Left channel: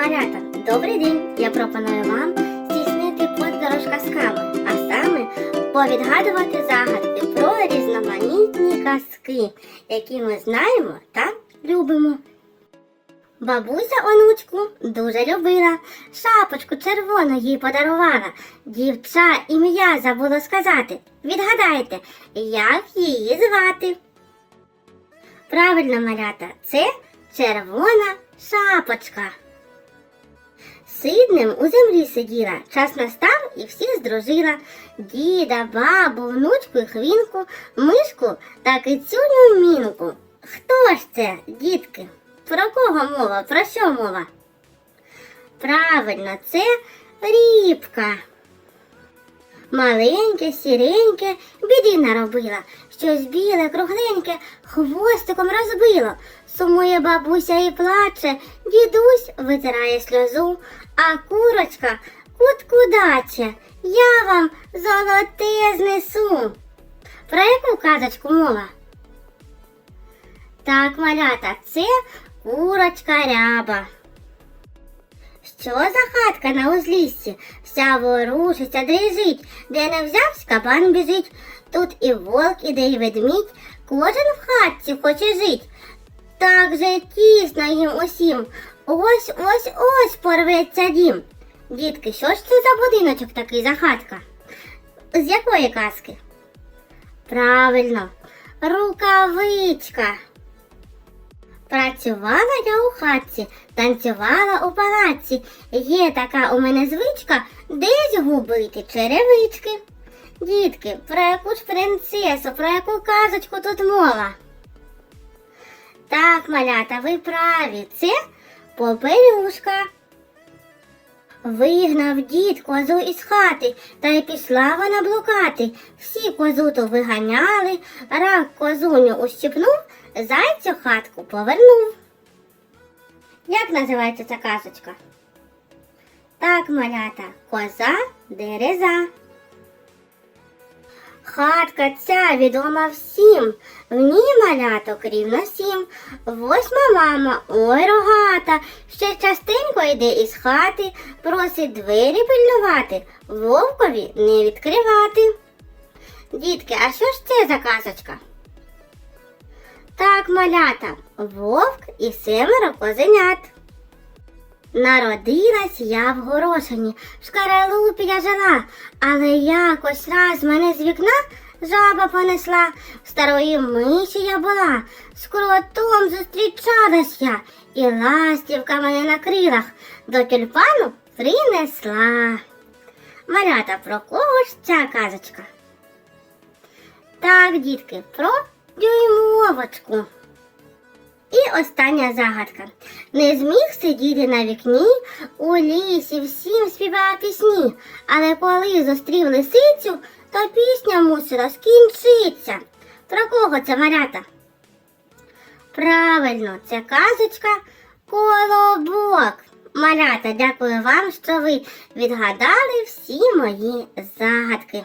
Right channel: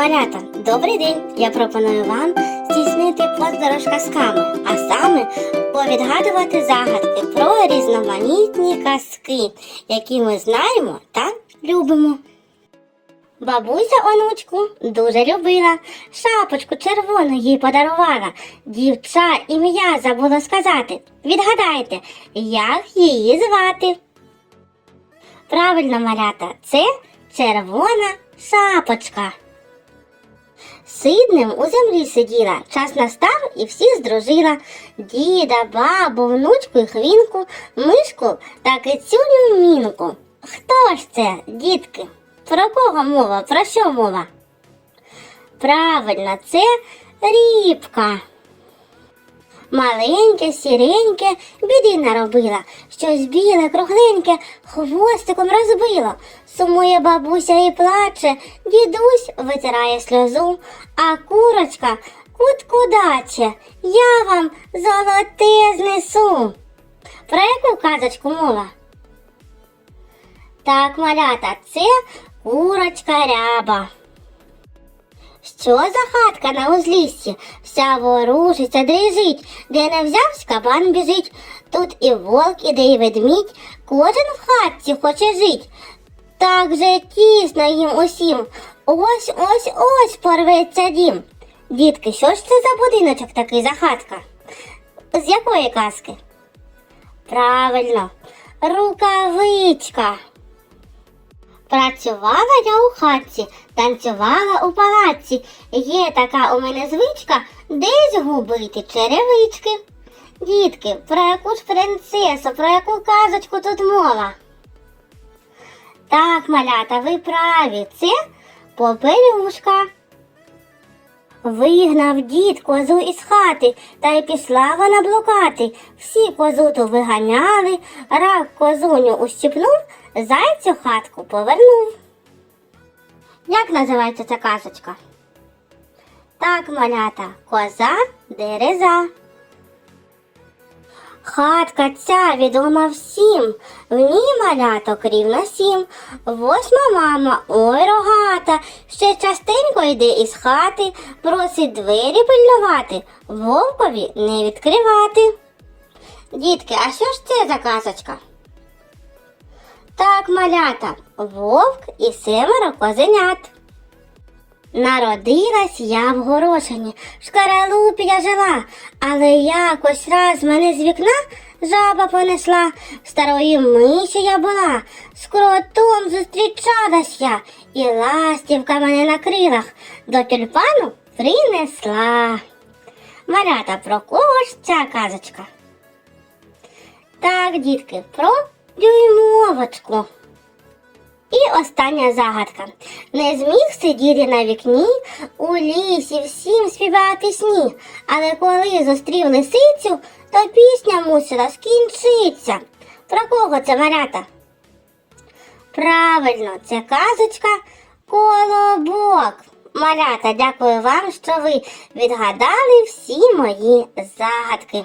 Малята, добрий день! Я пропоную вам здійснити подорож казками, а саме повідгадувати загадки про різноманітні казки, які ми знаємо та любимо. Бабуся онучку дуже любила, шапочку червону їй подарувала. Дівча ім'я забуло сказати. Відгадайте, як її звати? Правильно, малята, це червона шапочка. Сиднем у землі сиділа, час настав і всі здружила. Діда, бабу, внучку і хвінку, мишку та кицюню мінку. Хто ж це, дітки? Про кого мова? Про що мова? Правильно, це рібка. Маленьке, сіреньке, біди наробила, щось біле, кругленьке, хвостиком розбило. Сумує бабуся і плаче, дідусь витирає сльозу, а курочка кутку даче, я вам золоте знесу. Про яку казочку мова? Так, малята, це курочка ряба. Що за хатка на узліссі? Вся ворушиться, дрижить, де не взявсь, кабан біжить. Тут і вовк, іде, і ведмідь, кожен в хатці хоче жить. Так же тісно їм усім. Ось ось ось порветься дім. Дітки, що ж це за будиночок такий за хатка? З якої казки? Правильно, рукавичка. Працювала я у хатці, танцювала у палаці. Є така у мене звичка десь губити черевички. Дітки, про яку ж принцесу, про яку казочку тут мова? Так, малята, ви праві, це попелюшка. Вигнав дід козу із хати, та й пішла вона блукати. Всі козу то виганяли, рак козуню ущипнув, зайцю хатку повернув. Як називається ця казочка? Так, малята, коза дереза. Хатка ця відома всім, в ній маляток рівно сім. Восьма мама, ой рогата, ще частенько йде із хати, просить двері пильнувати, вовкові не відкривати. Дітки, а що ж це за казочка? Так, малята, вовк і семеро козенят. Народилась я в горошині, в шкаралупі я жила, але якось раз мене з вікна жаба понесла, старої миші я була, з кротом зустрічалась я, і ластівка мене на крилах до тюльпану принесла. Малята, про кого ж ця казочка? Так, дітки, про дюймовочку. Остання загадка. Не зміг сидіти на вікні, у лісі всім співати пісні, але коли зустрів лисицю, то пісня мусила скінчитися. Про кого це малята? Правильно, це казочка Колобок. Малята, дякую вам, що ви відгадали всі мої загадки.